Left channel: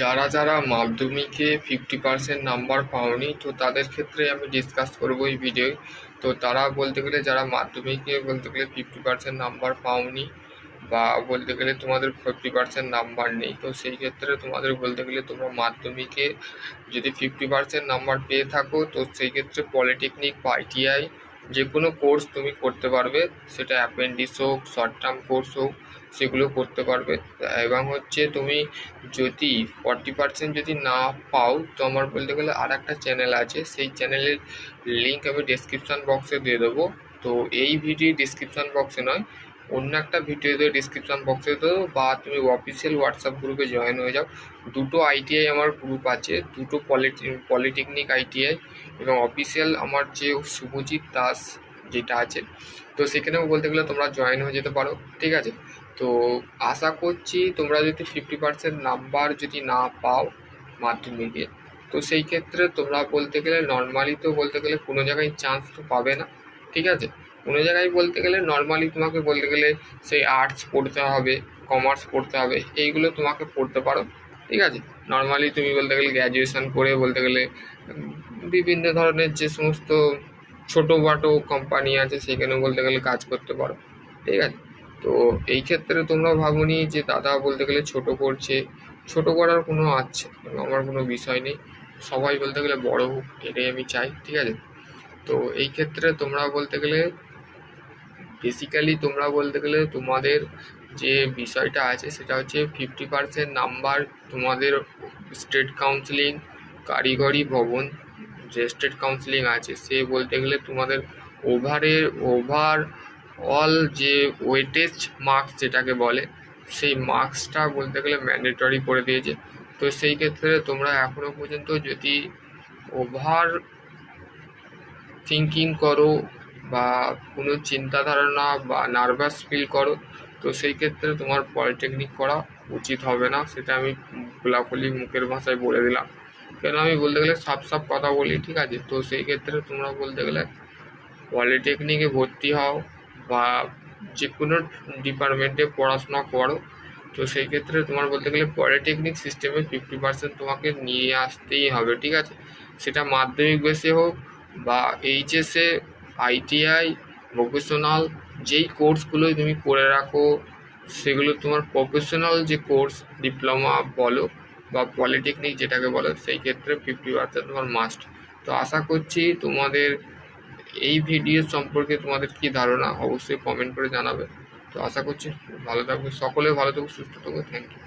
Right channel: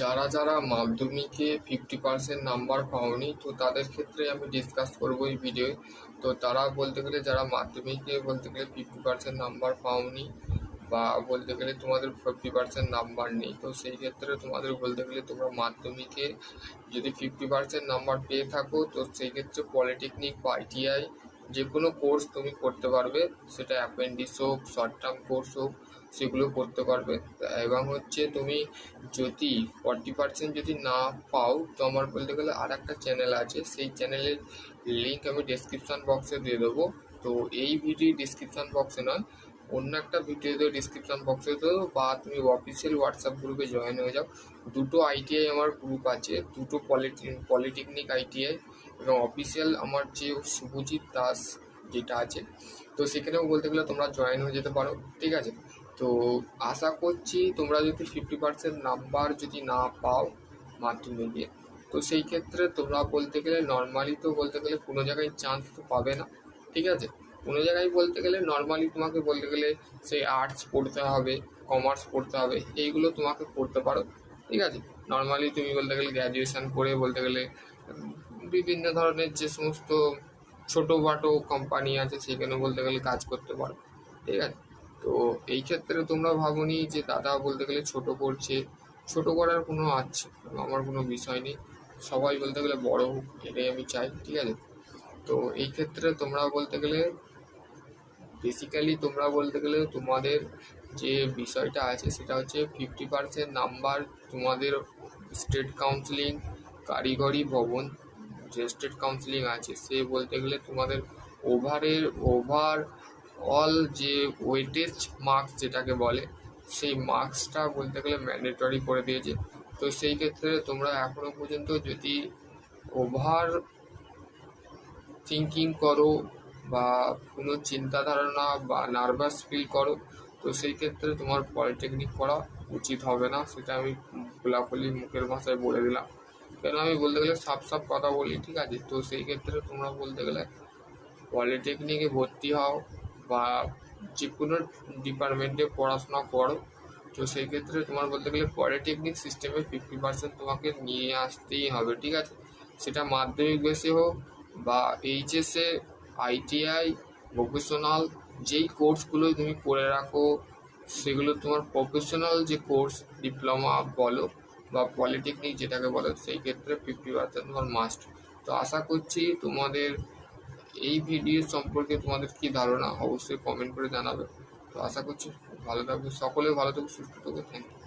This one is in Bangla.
যারা যারা মাধ্যমিকে 50% নাম্বার পাওনি, তো তাদের ক্ষেত্রে আমি ডিসকাস করব এই ভিডিওয়। তো তারা বলতে গেলে যারা মাধ্যমিকে বলতে গেলে 50% নাম্বার পাওনি, বা বলতে গেলে তোমাদের 50% নাম্বার নেই, তো সেই ক্ষেত্রে তোমাদের বলতে গেলে তোমরা মাধ্যমিকে যদি 50% নাম্বার পেয়ে থাকো, তো সেই ক্ষেত্রে পলিটেকনিক বা আইটিআই যে কোনো কোর্স তুমি করতে পারবে। সেটা অ্যাপেন্ডিক্স হোক, শর্ট টার্ম কোর্স হোক, সেগুলো করতে পারবে। এবং হচ্ছে তুমি যদি 40% যদি না পাও, তো আমার বলতে গেলে আর একটা চ্যানেল আছে, সেই চ্যানেলের লিঙ্ক আমি ডিসক্রিপশান বক্সে দিয়ে দেবো। তো এই ভিডিও ডিসক্রিপশান বক্সে নয়, অন্য একটা ভিডিওতে ডিসক্রিপশান বক্সে দেবো, বা তুমি অফিসিয়াল হোয়াটসঅ্যাপ গ্রুপে জয়েন হয়ে যাও। দুটো আইটিআই আমার গ্রুপ আছে, দুটো পলিটেকনিক আইটিআই, এবং অফিসিয়াল আমার যে শুভজিৎ দাস যেটা আছে, তো সেখানেও বলতে গেলে তোমরা জয়েন হয়ে যেতে পারো। ঠিক আছে, তো আশা করছি তোমরা যদি 50% নাম্বার যদি না পাও মাধ্যমিকে, তো সেই ক্ষেত্রে তোমরা বলতে গেলে নর্মালি তো বলতে গেলে কোনো জায়গায় চান্স তো পাবে না। ঠিক আছে, কোনো জায়গায় বলতে গেলে নর্মালি তোমাকে বলতে গেলে সেই আর্টস পড়তে হবে, কমার্স পড়তে হবে, এইগুলো তোমাকে পড়তে পারো। ঠিক আছে, নর্মালি তুমি বলতে গেলে গ্র্যাজুয়েশন করে বলতে গেলে বিভিন্ন ধরনের যে সমস্ত ছোটো খাটো কোম্পানি আছে সেখানেও বলতে গেলে কাজ করতে পারো। ঠিক আছে, তো এই ক্ষেত্রে তোমরা ভাবনি যে দাদা বলতে গেলে ছোট করছে, ছোট করার কোনো আমার কোনো বিষয় নেই। সবাই বলতে গেলে বড় হোক, এটাই আমি চাই। ঠিক আছে, তো এই ক্ষেত্রে তোমরা বলতে গেলে বেসিক্যালি তোমরা বলতে গেলে তোমাদের যে বিষয়টা আছে সেটা হচ্ছে 50% নাম্বার তোমাদের স্টেট কাউন্সিলিং, কারিগরি ভবন যে স্টেট কাউন্সিলিং আছে, সে বলতে গেলে তোমাদের ওভার অল যে ওয়েটেজ মার্কস যেটাকে বলে, সেই মার্কসটা বলতে গেলে ম্যান্ডেটরি করে দিয়েছে। তো সেই ক্ষেত্রে তোমরা এখনও পর্যন্ত যদি ওভার থিঙ্কিং করো বা কোনো চিন্তা ধারণা বা নার্ভাস ফিল করো, তো সেই ক্ষেত্রে তোমার পলিটেকনিক করা উচিত হবে না। সেটা আমি খোলাখুলি মুখের ভাষায় বলে দিলাম, কেন আমি বলতে গেলে সাফ সাফ কথা বলি। ঠিক আছে, তো সেই ক্ষেত্রে তোমরা বলতে গেলে পলিটেকনিকে ভর্তি হও বা যে কোনো ডিপার্টমেন্টে পড়াশোনা করো, তো সেই ক্ষেত্রে তোমার বলতে গেলে পলিটেকনিক সিস্টেমে 50% তোমাকে নিয়ে আসতেই হবে। ঠিক আছে, সেটা মাধ্যমিক বেসে হোক বা এইচএসে, আইটিআই, ভোকেশনাল, যেই কোর্সগুলোই তুমি করে রাখো, সেগুলো তোমার প্রফেশনাল যে কোর্স ডিপ্লোমা বলো বা পলিটেকনিক যেটাকে বলো, সেই ক্ষেত্রে 50% তোমার মাস্ট। তো আশা করছি তোমাদের এই ভিডিও সম্পর্কে তোমাদের কি ধারণা অবশ্যই কমেন্ট করে জানাবে। তো আশা করছি ভালো থাকবে সকলে, ভালো থাকবে, সুস্থ থাকবে। Thank you.